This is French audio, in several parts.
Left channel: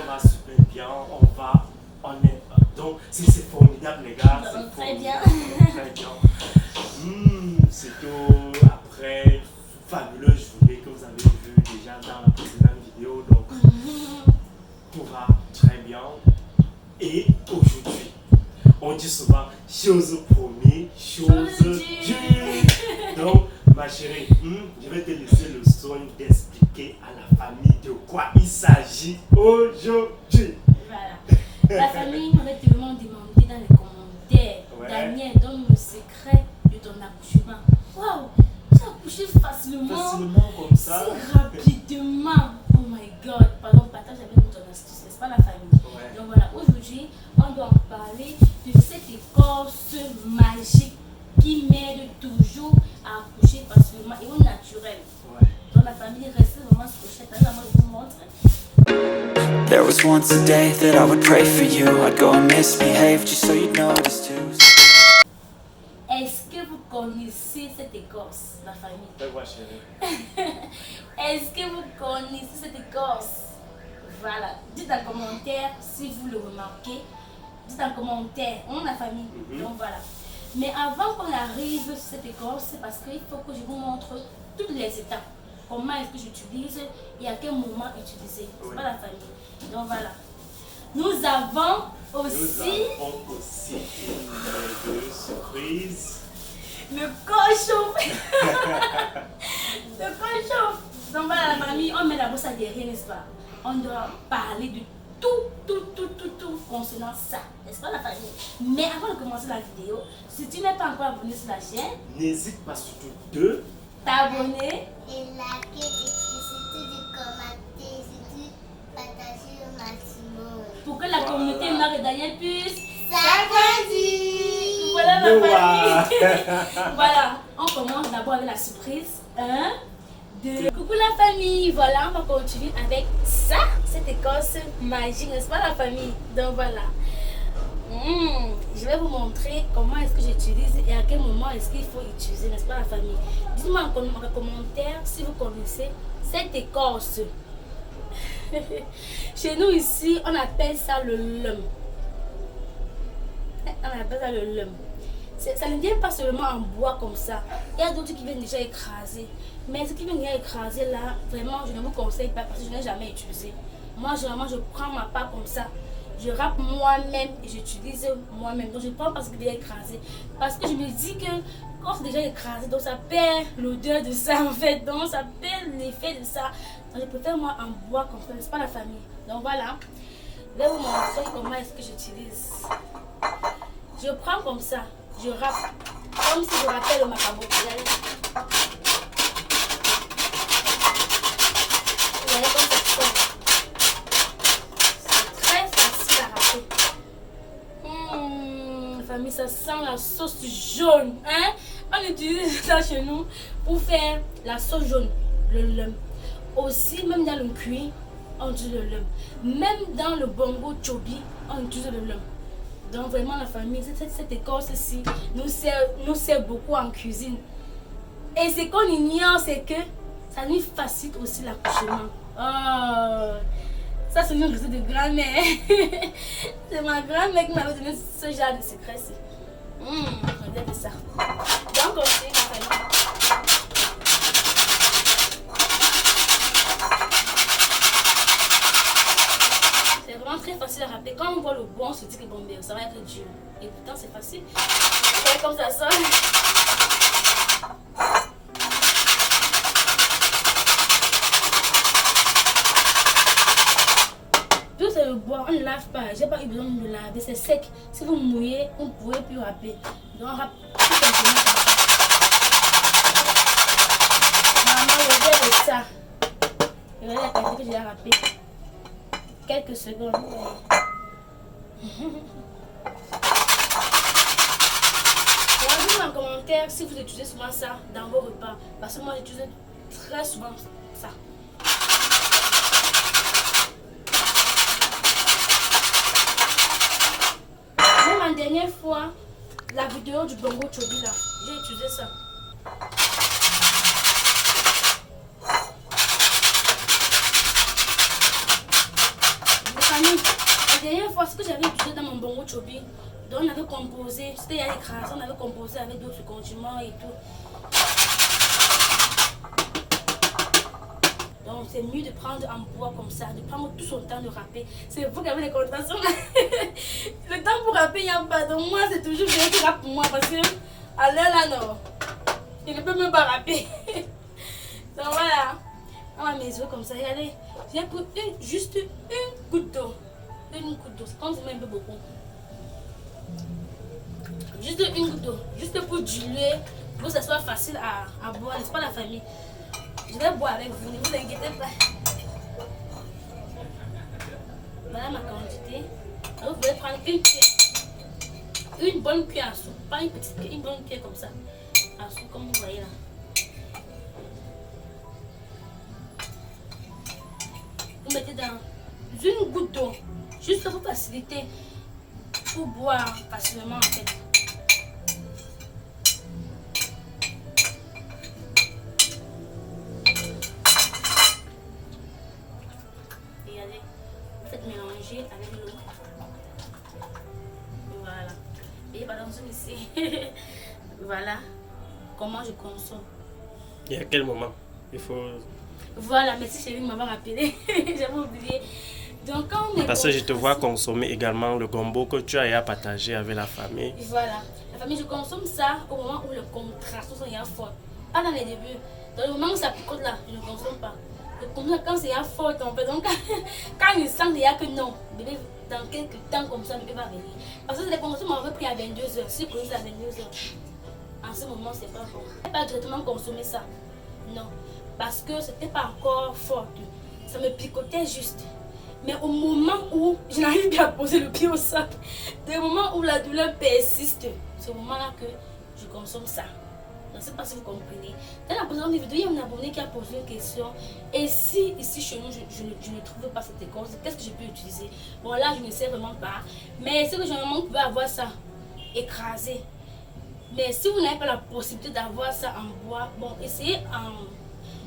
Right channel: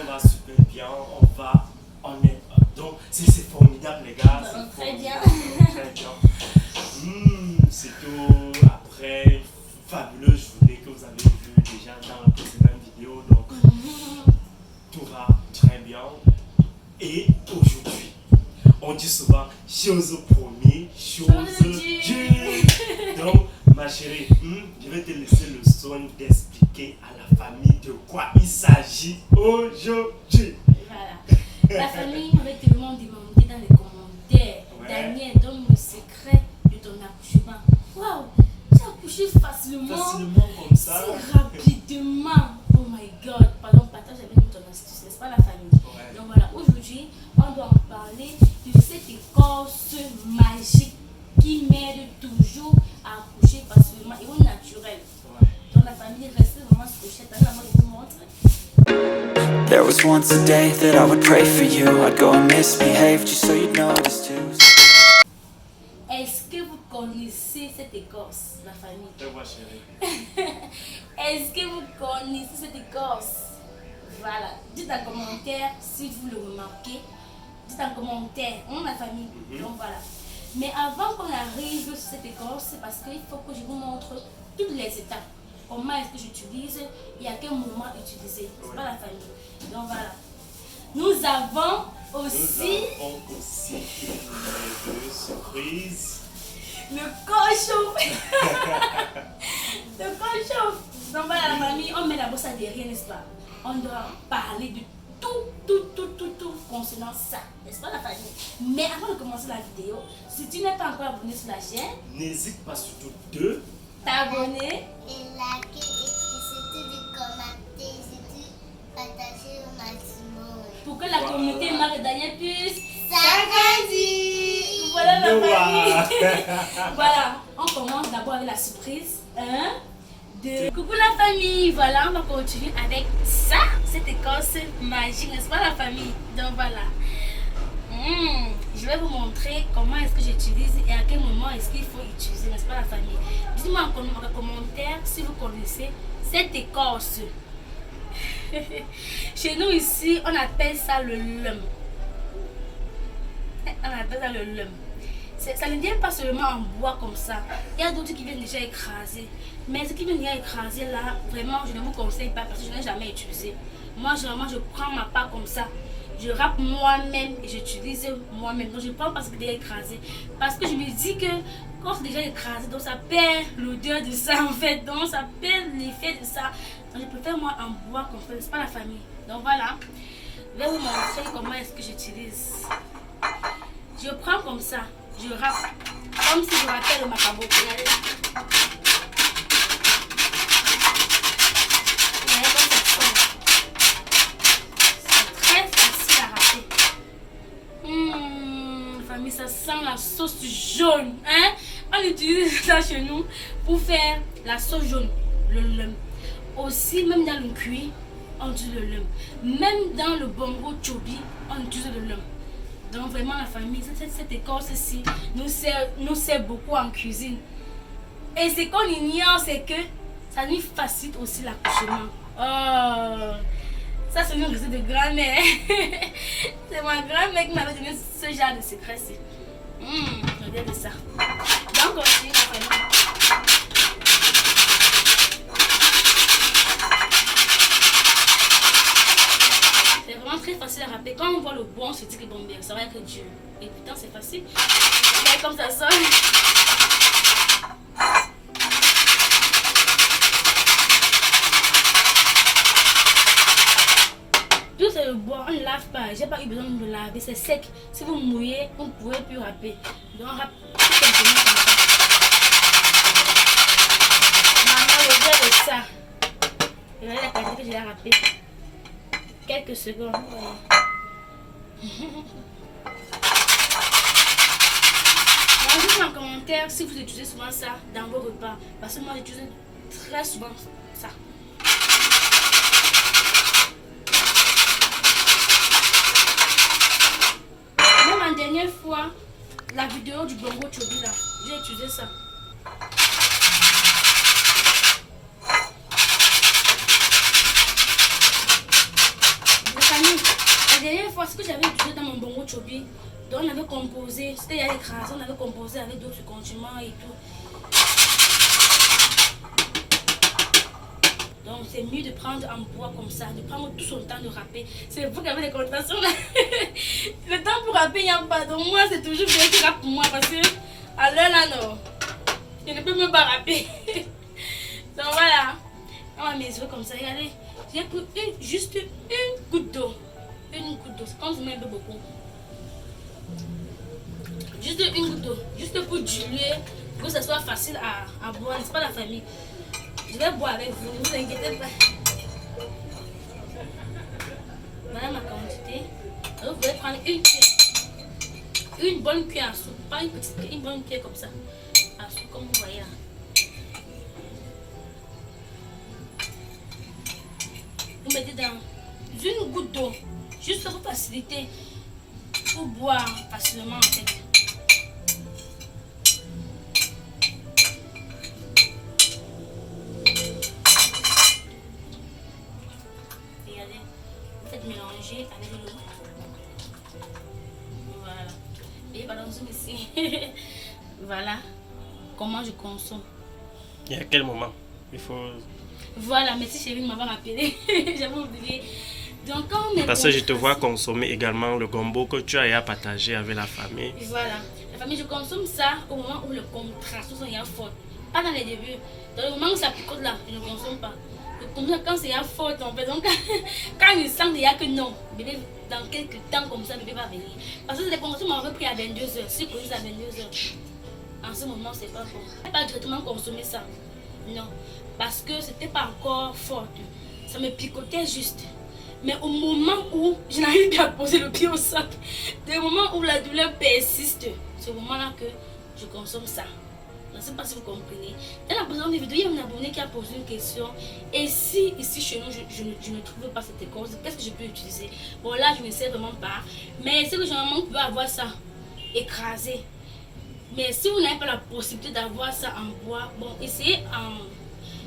on va super bien, donc c'est formidable les gars. Très bien. Très bien. C'est que après, fabuleux journée que vous avez vu déjà dans la précédente vidéo, donc tout va très bien. Et aujourd'hui, on dit souvent chose promise, chose due. Donc, ma chérie, je vais te laisser le soin d'expliquer à la famille de quoi il s'agit aujourd'hui. Voilà. La famille m'avait tellement demandé dans les commentaires. Ouais. Daniel, donne le secret de ton accouchement. Waouh, tu as accouché facilement. Facilement comme ça. Si rapidement. Oh my god. Pardon, partage avec nous ton astuce, n'est-ce pas la famille? Ouais. Donc voilà, aujourd'hui, on doit en parler de cette écorce magique qui m'aide toujours à accoucher facilement et au naturel. Ouais. Donc la famille reste vraiment scotchée. Maman, je vous montre. There was once a day that I would pray for you. I'd go and misbehave just so you'd notice too. Est-ce que vous connaissez cette écorce, la famille? Fais-moi chérie. Est-ce que vous connaissez cette écorce? Voilà. Dites en commentaire si vous le remarquez. Dites en commentaire, la famille. Donc voilà. Mais avant qu'on arrive sur cette écorce, c'est parce qu'il faut que je vous montre toutes les étapes. Comment est-ce que j'utilise et à quel moment utiliser. C'est pas la famille. Donc voilà. Nous avons aussi une surprise. Le cochon. Le cochon. Donc voilà la famille, on met la bosse à derrière, n'est-ce pas? On doit parler de tout concernant ça, n'est-ce pas la famille? Mais avant de commencer la vidéo, si tu n'es pas encore abonné sur la chaîne, n'hésite pas surtout de t'abonner et liker et surtout de commenter, surtout partager au maximum. Pour que la communauté Marie Daniel puisse s'agrandir. Voilà la famille. Voilà, on commence d'abord avec la surprise. 1, 2. Coucou la famille. Voilà, on va continuer avec ça, cette écorce magique, n'est-ce pas la famille? Donc voilà. Je vais vous montrer comment est-ce que j'utilise et à quel moment est-ce qu'il faut utiliser, n'est-ce pas la famille? Dites-moi en commentaire si vous connaissez cette écorce. Chez nous ici, on appelle ça le lum. On appelle ça le lum. Ça ne vient pas seulement en bois comme ça. Il y a d'autres qui viennent déjà écraser. Mais ce qui vient déjà écraser là, vraiment, je ne vous conseille pas parce que je n'ai jamais utilisé. Moi, généralement, je prends ma part comme ça. Je râpe moi-même et j'utilise moi-même. Donc je ne prends pas ce qui est déjà écrasé. Parce que je me dis que quand c'est déjà écrasé, donc ça perd l'odeur de ça en fait. Donc ça perd l'effet de ça. Donc je préfère moi en bois comme ça. C'est pas la famille. Donc voilà. Je vais vous montrer comment est-ce que j'utilise. Je prends comme ça. Je râpe. Comme si je rappelle le macabo. Famille, ça sent la sauce jaune, hein? On utilise ça chez nous pour faire la sauce jaune, le lum. Aussi, même dans le cuit, on utilise le lum. Même dans le bongo chobi, on utilise le lum. Donc vraiment la famille, cette écorce-ci nous sert beaucoup en cuisine. Et ce qu'on ignore, c'est que ça nous facilite aussi l'accouchement. Oh! Ça, c'est une recette de grand-mère. C'est ma grand-mère qui m'avait donné ce genre de secret-ci. Regardez ça. Donc aussi, c'est vraiment très facile à râper. Quand on voit le bois, on se dit que bon, ça va être dur. Et pourtant, c'est facile. Regardez comme ça sonne. Le bois, on ne lave pas, j'ai pas eu besoin de le laver, c'est sec. Si vous mouillez, vous ne pouvez plus râper. Donc râpe tout simplement comme ça. Maman, regarde ça. Regardez la quantité que j'ai râpé. Quelques secondes. Dites-moi en commentaire si vous utilisez souvent ça dans vos repas. Parce que moi j'utilise très souvent ça. Dernière fois, la vidéo du bongo chobi là, j'ai utilisé ça. Ça famille, la dernière fois, ce que j'avais utilisé dans mon bongo chobi, donc on avait composé, c'était il y a écrasé, on avait composé avec d'autres condiments et tout. Donc c'est mieux de prendre en bois comme ça, de prendre tout son temps de râper. C'est vous qui avez des contractions là. Le temps pour râper, il n'y a pas. Donc moi, c'est toujours bien qui râpe pour moi parce que à l'heure là, non. Je ne peux même pas râper. Donc voilà. On va mes yeux comme ça. Regardez, j'ai pris juste une goutte d'eau. Une goutte d'eau. On se met un peu beaucoup. Juste une goutte d'eau. Juste pour diluer, pour que ça soit facile à boire. C'est pas la famille. Je vais boire avec vous, ne vous inquiétez pas. Voilà ma quantité. Alors vous pouvez prendre une cuillère. Une bonne cuillère à soupe. Pas une petite cuillère, une bonne cuillère comme ça. À soupe, comme vous voyez là. Vous mettez dans une goutte d'eau. Juste pour faciliter. Pour boire facilement en fait. Mélanger avec l'eau. Voilà. Et pardon, ici. Voilà comment je consomme. Et à quel moment il faut... Voilà, merci chérie de m'avoir rappelé. J'avais oublié. Donc, quand on Parce que je te vois consommer également le gombo que tu as partagé avec la famille. Voilà. La famille, je consomme ça au moment où le contraste est fort. Pas dans les débuts. Dans le moment où ça picote là, je ne consomme pas. Comme ça, quand c'est fort, en fait. Donc, quand il sent déjà que non, bébé, dans quelques temps comme ça, bébé va venir. Parce que c'est des consommations m'avaient pris à 22h. Si je connais à 22h, en ce moment, c'est pas bon. Je n'ai pas directement consommé ça. Non. Parce que c'était pas encore fort. Ça me picotait juste. Mais au moment où je n'arrive pas à poser le pied au sol, des moments où la douleur persiste, c'est au moment-là que je consomme ça. Je ne sais pas si vous comprenez. Dans la précédente vidéo, il y a un abonné qui a posé une question. Et si ici chez nous, je ne trouve pas cette écorce, qu'est-ce que je peux utiliser? Bon là, je ne sais vraiment pas. Mais c'est que généralement, vous pouvez avoir ça écrasé. Mais si vous n'avez pas la possibilité d'avoir ça en bois, bon, essayez en...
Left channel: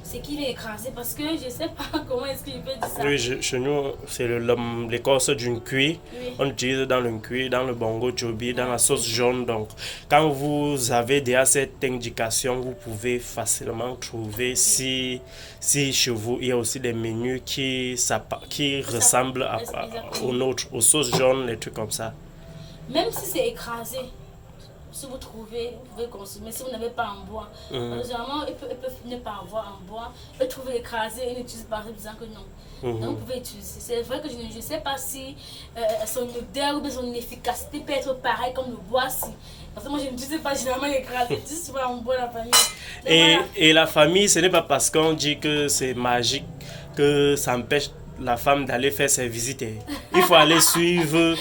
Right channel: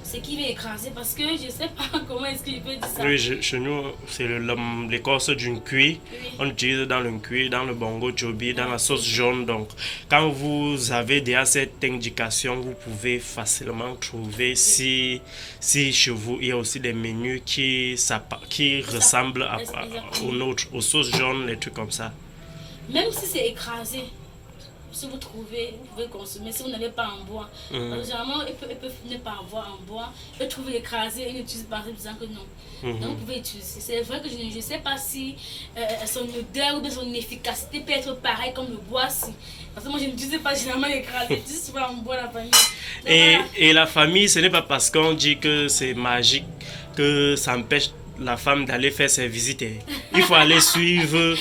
ce qui va écraser parce que je ne sais pas comment est-ce que je peux dire ça. Oui, chez nous, c'est l'écorce d'une cuir. Oui. On utilise dans le cuir, dans le bongo chobi, dans la sauce jaune. Donc, quand vous avez déjà cette indication, vous pouvez facilement trouver si chez vous, il y a aussi des menus qui ressemblent aux nôtres, aux sauces jaunes, les trucs comme ça. Même si c'est écrasé, si vous trouvez, vous pouvez consommer. Si vous n'avez pas en bois, généralement, ils peuvent ne pas avoir en bois. Ils peuvent trouver écrasé et ils n'utilisent pas en disant que non. Donc, vous pouvez utiliser. C'est vrai que je ne sais pas si son odeur ou son efficacité peut être pareille comme le bois. Si. Parce que moi, je n'utilise pas généralement écrasé. Je dis souvent en bois la famille. Donc, Et la famille, ce n'est pas parce qu'on dit que c'est magique que ça empêche la femme d'aller faire ses visites. Il faut aller suivre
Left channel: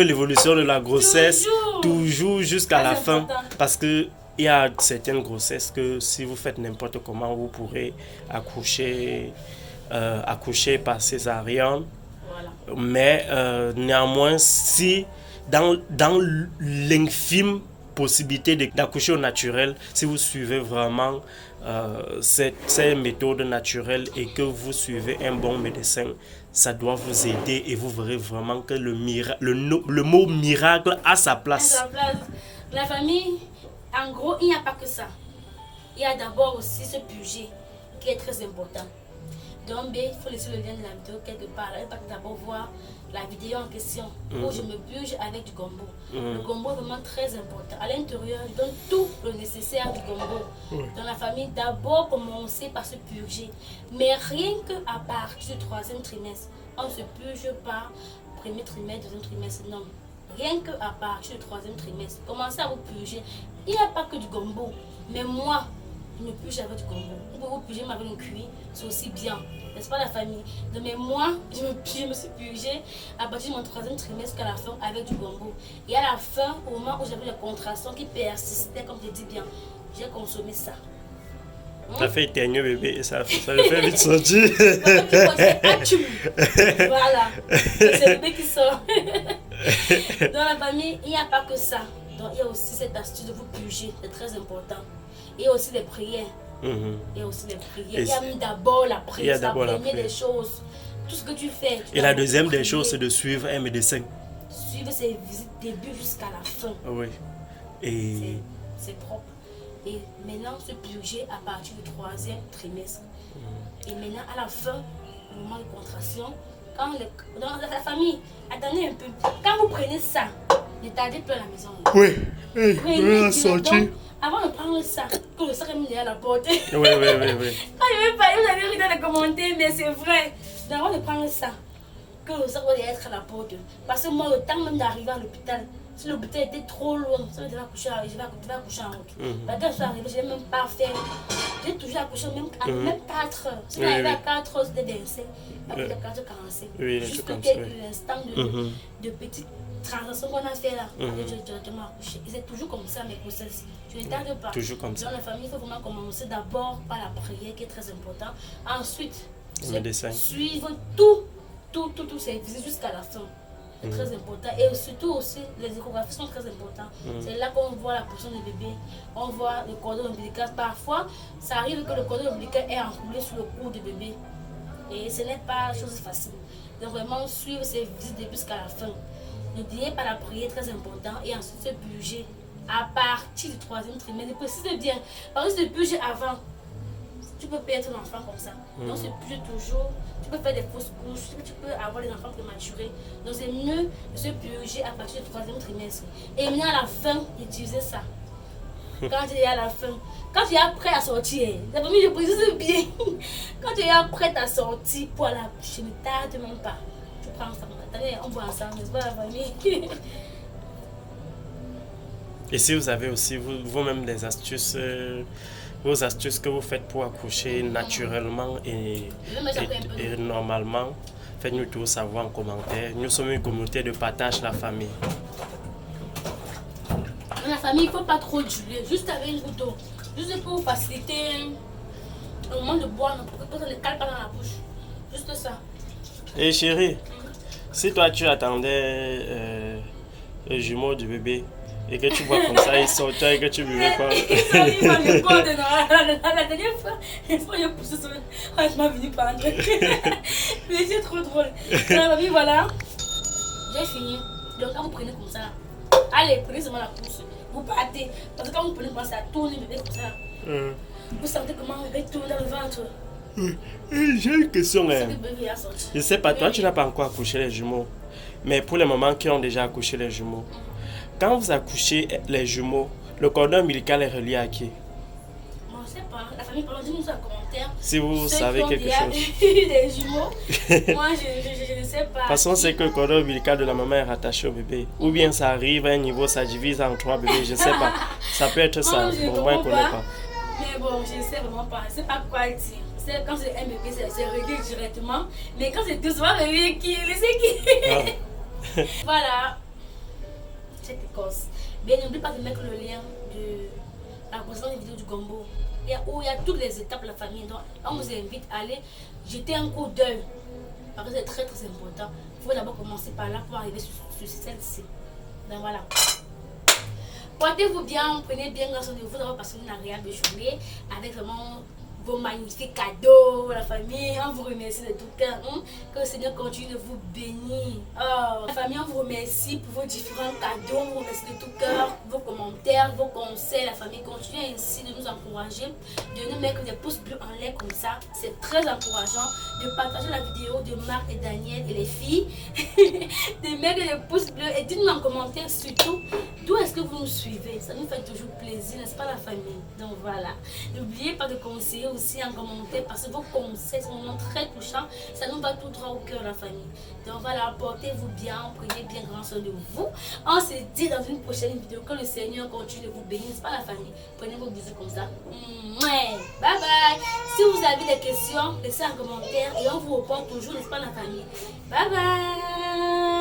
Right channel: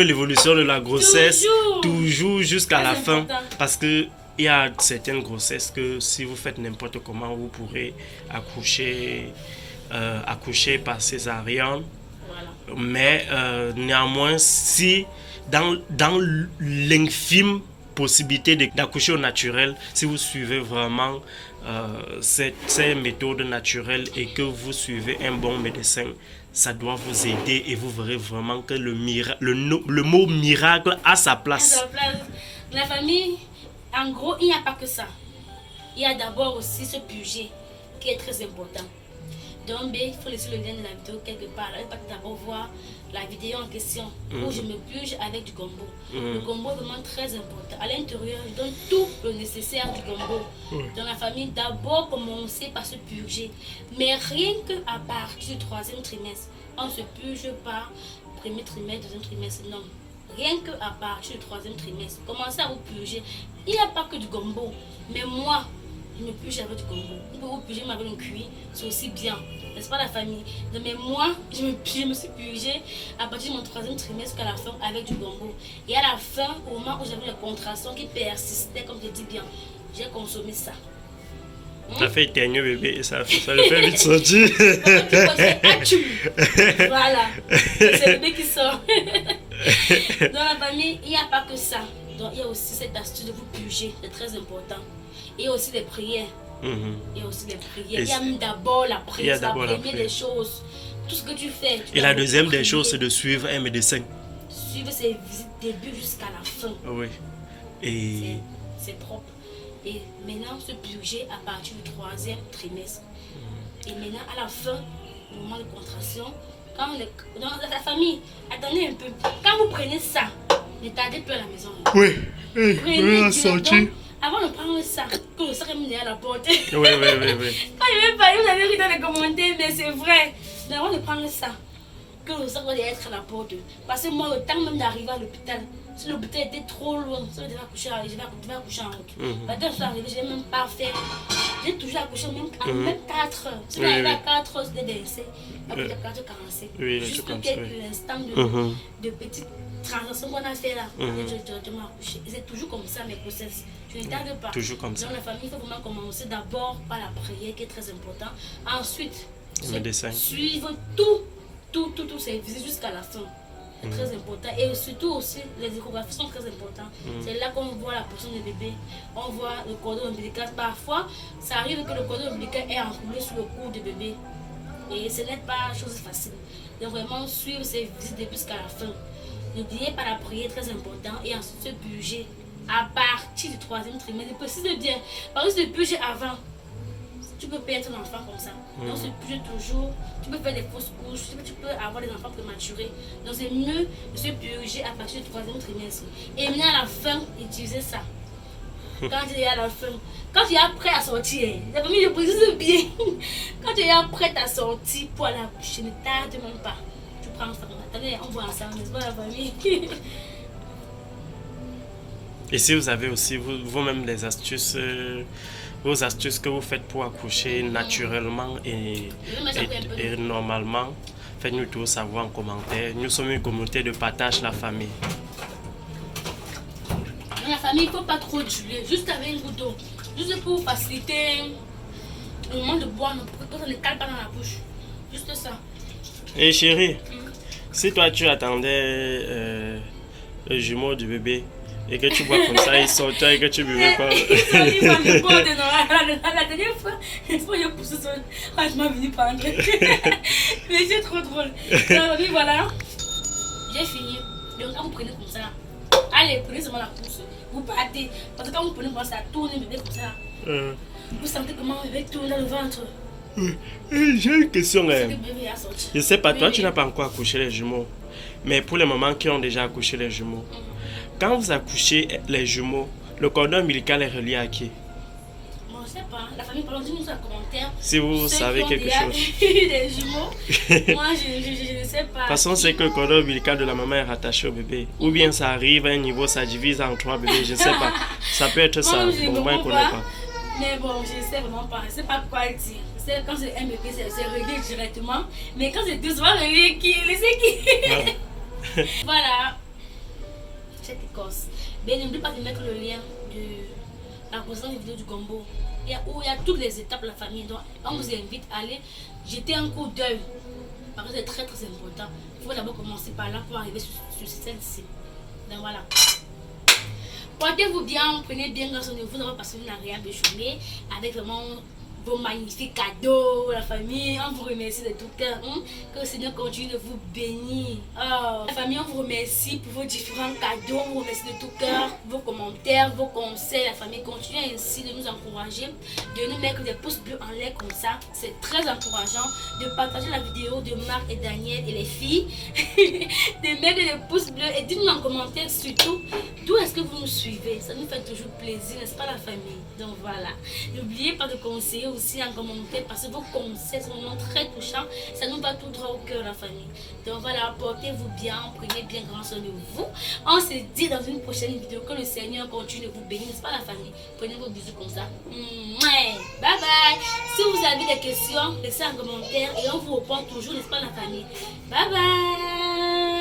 l'évolution de la grossesse toujours jusqu'à la fin, parce que il y a certaines grossesses que si vous faites n'importe comment, vous pourrez accoucher par césarienne. voilà. Mais néanmoins, si dans l'infime possibilité d'accoucher au naturel, si vous suivez vraiment ces méthodes naturelles et que vous suivez un bon médecin, ça doit vous aider et vous verrez vraiment que le mot miracle a sa place. La famille, en gros, il n'y a pas que ça. Il y a d'abord aussi ce budget qui est très important. Donc, il faut laisser le lien de la vidéo quelque part. Il faut d'abord voir la vidéo en question où je me purge avec du gombo. Le gombo est vraiment très important. À l'intérieur, je donne tout le nécessaire du gombo. Dans la famille, d'abord commencer par se purger. Mais rien qu'à partir du 3e trimestre, on ne se purge pas premier trimestre, 2e trimestre, non. Rien qu'à partir du 3e trimestre, commencez à vous purger. Il n'y a pas que du gombo. Mais moi, je me purge avec du gombo. Vous pouvez vous purger avec un cuit, c'est aussi bien. N'est-ce pas la famille? Mais moi, je me suis purgée à partir de mon 3e trimestre jusqu'à la fin avec du gombo. Et à la fin, au moment où j'avais une contraction qui persistait, comme je dis bien, j'ai consommé ça. Ça fait éternuer bébé et ça le fait vite sortir. Voilà, c'est le bébé qui sort. Dans la famille, il n'y a pas que ça. Donc il y a aussi cette astuce de vous purger, c'est très important. Il y a aussi les prières. Il y a aussi les prières. Il y a d'abord la prière, c'est la première des choses. tout ce que tu fais. Et la deuxième des choses, c'est de suivre un médecin. Suivre ses visites début jusqu'à la fin. Oui. Et C'est propre. Et maintenant, se purger à partir du 3e trimestre. Et maintenant, à la fin, au moment de contraction, dans la famille, attendez un peu. Quand vous prenez ça, ne tardez plus à la maison. oui. Prenez la directement, sortie. avant de prendre ça, que le sac est mis derrière la porte. Oui. Quand je vais parler, vous allez rire dans les commentaires, mais c'est vrai. Mais avant de prendre ça, que le sac va être à la porte. Parce que moi, le temps même d'arriver à l'hôpital, si l'hôpital était trop loin, ça veut dire je vais accoucher en route. Maintenant, je suis arrivée, je n'ai même pas fait. J'ai toujours accouché même 4 heures. Si j'arrive à 4 heures, c'était décès. Après 4h45. Oui, juste l'instant de petite transaction qu'on a fait là. J'ai directement accouché. Et c'est toujours comme ça mes grossesses. Je ne tarde pas. Toujours comme ça. Dans la famille, il faut vraiment commencer d'abord par la prière qui est très important. Ensuite, Le médecin. suivre tous ces visites jusqu'à la fin. C'est très important. Et surtout aussi, les échographies sont très importantes. C'est là qu'on voit la position du bébé. On voit le cordon ombilical. Parfois, ça arrive que le cordon ombilical est enroulé sur le cou du bébé. Et ce n'est pas chose facile. Donc vraiment suivre ces visites jusqu'à la fin. N'oubliez pas la prière, très important. Et ensuite se purger à partir du 3e trimestre. Je précise bien. Parce que se purger avant, tu peux perdre ton enfant comme ça. Donc se purger toujours. Tu peux faire des fausses couches. Tu peux avoir des enfants prématurés. Donc c'est mieux de se purger à partir du 3e trimestre. Et maintenant à la fin, utiliser ça. Quand tu es à la fin, quand tu es prêt à sortir, la famille, je précise bien. Quand tu es prêt à sortir pour aller accoucher, ne tarde même pas. Tu prends ça. Attendez, on voit ensemble, n'est-ce pas la famille? Et si vous avez aussi vous-même des astuces, vos astuces que vous faites pour accoucher naturellement et normalement, faites-nous tout savoir en commentaire. Nous sommes une communauté de partage la famille. Dans la famille, il ne faut pas trop diluer, juste avec un couteau. Juste pour faciliter le moment de boire, pour que ça ne cale pas dans la bouche. Juste ça. Et chérie, si toi tu attendais le jumeau du bébé et que tu bois comme ça, il sort toi et que tu buvais pas. La dernière fois, j'ai poussé sur je m'en venu prendre. Mais c'est trop drôle. Donc, voilà, j'ai fini. Donc quand vous prenez comme ça, allez, prenez seulement la pousse. Vous partez. Parce que quand vous prenez comme ça, tourne le bébé comme ça. Vous sentez comment le bébé tourne dans le ventre. J'ai une question. Le bébé a sorti. Je sais pas, toi tu n'as pas encore accouché les jumeaux. Mais pour les mamans qui ont déjà accouché les jumeaux, quand vous accouchez les jumeaux, le cordon ombilical est relié à qui? Moi, je sais pas. La famille, parlez nous en commentaire. Si vous savez quelque chose. Des jumeaux. Moi, je ne sais pas. De toute façon, c'est que le cordon ombilical de la maman est rattaché au bébé. Ou bien ça arrive à un niveau, ça divise en 3 bébés, je ne sais pas. Ça peut être ça. Bon, moi, je ne connais pas. Mais bon, je ne sais vraiment pas. Je ne sais pas quoi dire. Quand c'est un bébé, c'est réglé directement. Mais quand c'est 2 mois, c'est qui? Voilà. Cette écorce. Mais n'oublie pas de mettre le lien de la précédente vidéo du gombo. Où il y a toutes les étapes de la famille. Donc, on vous invite à aller jeter un coup d'œil. Parce que c'est très très important. Il faut d'abord commencer par là pour arriver sur celle-ci. Donc voilà. Portez-vous bien, prenez bien grâce à vous d'avoir passé une agréable journée avec vraiment vos magnifiques cadeaux, la famille. On vous remercie de tout cœur. Que le Seigneur continue de vous bénir. Oh, la famille, on vous remercie pour vos différents cadeaux. On vous remercie de tout cœur, vos commentaires, vos conseils. La famille continue ainsi de nous encourager, de nous mettre des pouces bleus en l'air comme ça. C'est très encourageant de partager la vidéo de Marc et Daniel et les filles. De mettre des pouces bleus et dites-nous en commentaire surtout d'où est-ce que vous nous suivez. Ça nous fait toujours plaisir, n'est-ce pas la famille? Donc voilà. N'oubliez pas de conseiller aussi en commentaire parce que vos conseils sont vraiment très touchants. Ça nous va tout droit au cœur la famille. Donc voilà, portez-vous bien, prenez bien grand soin de vous. On se dit dans une prochaine vidéo que le Seigneur continue de vous bénir, n'est-ce pas la famille? Prenez vos bisous comme ça. Bye bye. Si vous avez des questions, laissez en commentaire et on vous répond toujours, n'est-ce pas la famille? Bye bye.